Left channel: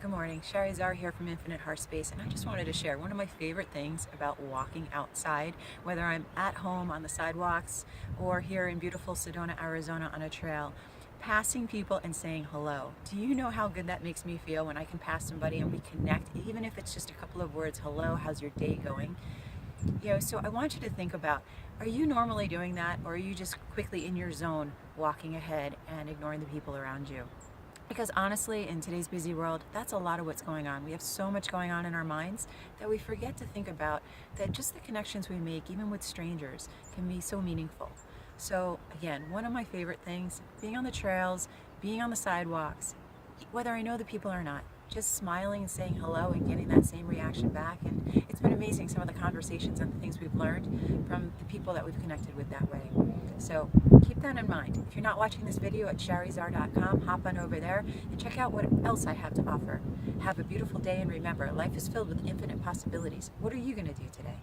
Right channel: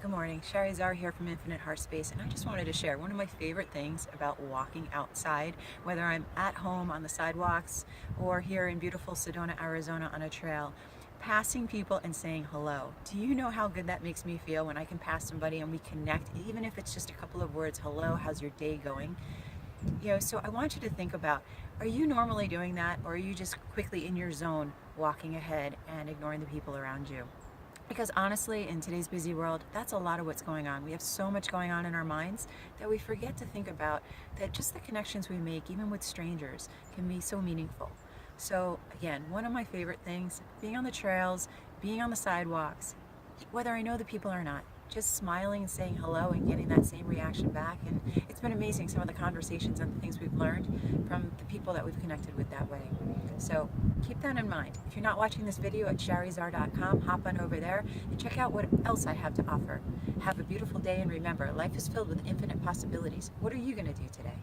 Good morning, Sherry Zar here from Infinite Heart Space, and I just wanted to share one of my favorite things about walking outside, whether I'm at home on the sidewalks or here in beautiful Sedona, Arizona on a trail, passing people and saying hello. Do you know how good that makes me feel when I can pass somebody and we connect, even if it's just a couple of words, hello, how's your day going? So I want you to think about, are you normally doing that, or are you just quickly in your zone walking ahead and ignoring the people around you? Because honestly, in today's busy world, that's a lot of what's going on. We have so much going on in our minds that we forget to think about that just the connections we make, even with strangers, can be so meaningful. So again, one of my favorite things, being on the trails, being on the sidewalks, whether I know the people or not, just smiling and saying hello and getting that same reaction back. And it's been amazing, some of the conversations and the things we've learned from the people that we've connected with that way. So keep that in mind. If you're not watching this video at sherryzar.com, hop on over there and check out what else I have to offer. Have a beautiful day, and remember, life is filled with infinite possibilities. What are you going to do today?